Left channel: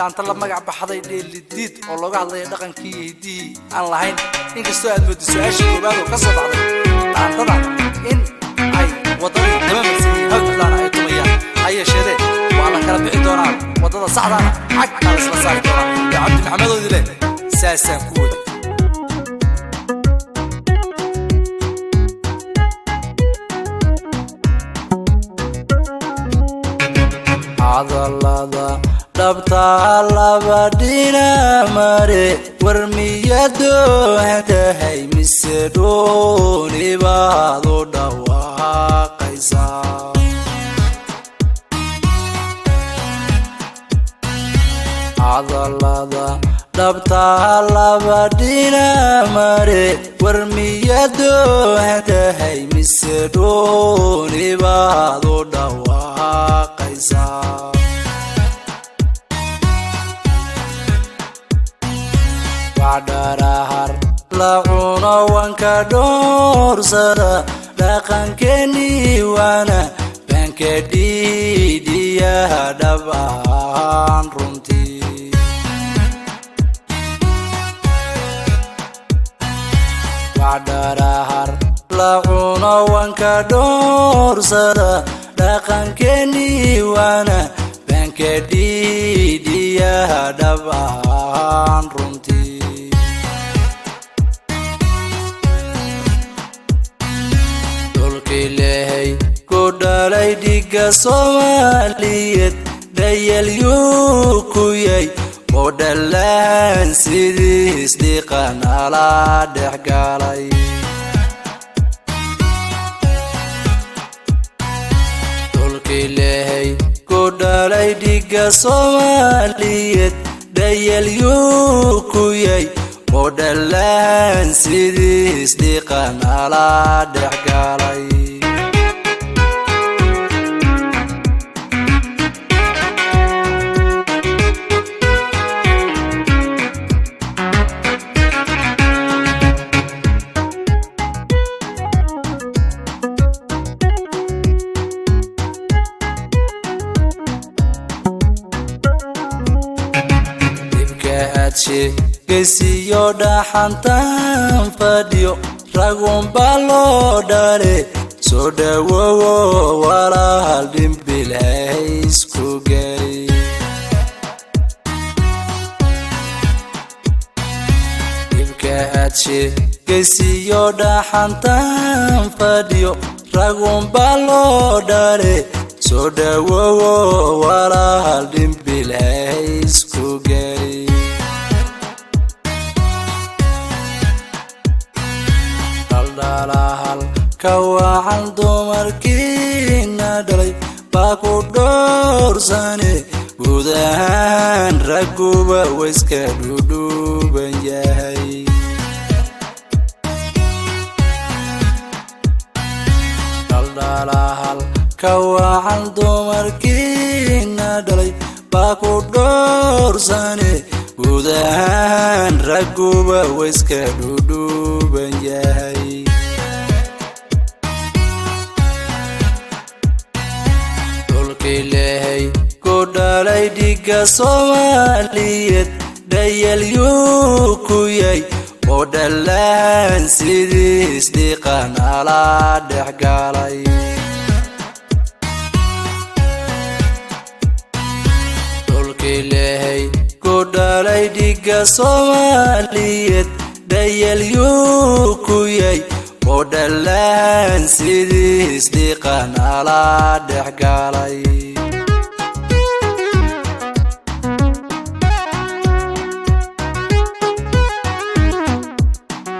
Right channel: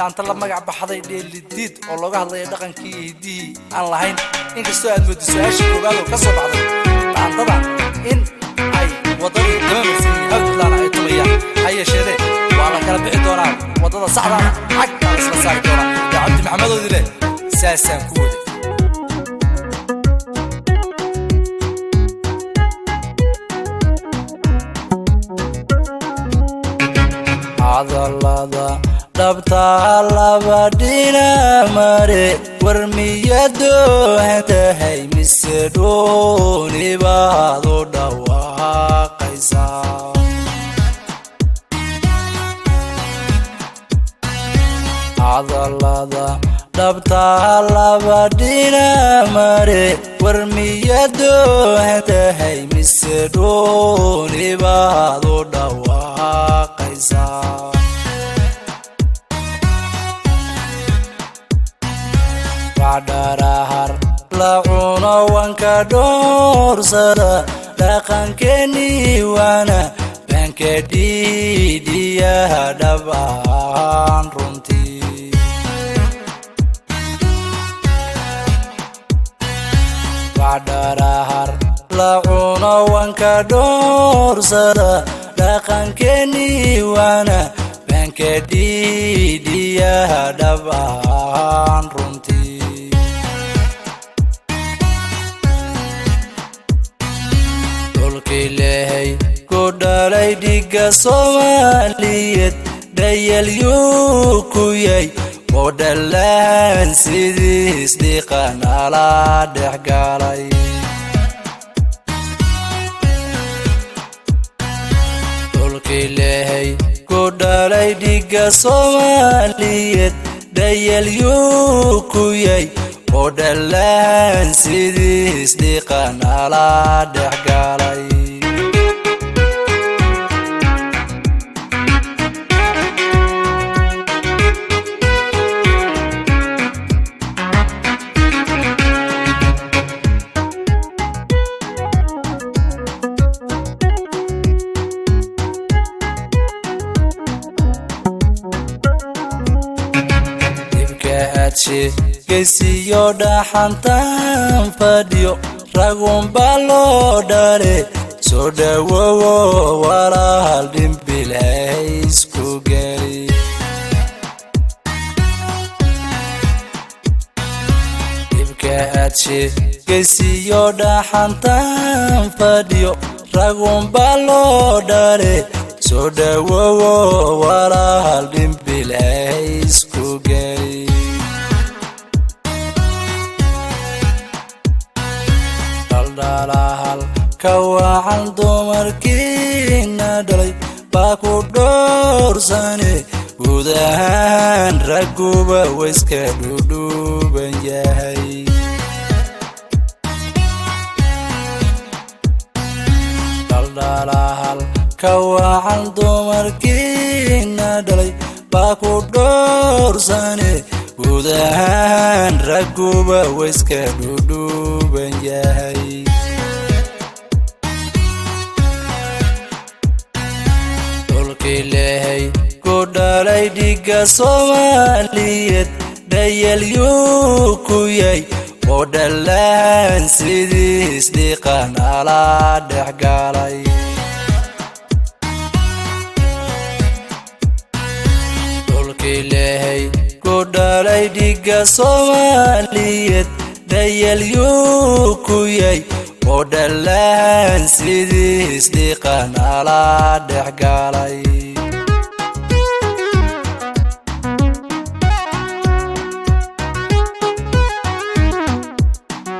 daanta la magac baxday dheelidiid oo looga hadlayo dhaqankii hiidihii aan lahayn inkastoo aad moodiso meesha koowaad oo ka soo dhacday daantada in ay wadada dalamarsan yihiin halkulaana ay tulayaan ha yeesheedee waa la kala bixi doonaa wadada saxda cag aa isla saari doonaa gacabdi maxamadoodii leh saasaan ku wada Somaliyeed dayalyuu ku yahay oo dhalaan sidiis dhiqana la dhex galay dhulkii lehay ku dhalay dhiga Somaliyeed dayalyuu ku yahay oo dhalaan sidiis dhiqana la dhex galay kesiyo dhaxantan fadhiyo ragun baloo dhare soo dhawowo walaal dhimbil haysku gay dhibka adshe kesiyo dhaxantan fadhiyo ragun baloo dhare soo dhawowo walaal dhimbil haysku gay kawacan dumarkiina dhalay baa ku dhoorsane guud ahaan ragguba wayska dhudhuuban yahay dhaldhalahal kawacan dumarkiina dhalay baa ku dhoorsane guud ahaan ragguba wayska dhudhuuban yahay dhiga Somaliyeed dayalyuu ku yahay oo dhalaan sidiis dhiqana la dhex galay dhulkii lehay ku dhalay dhiga Somaliyeed dayalyuu ku yahay oo dhalaan sidiis dhiqana la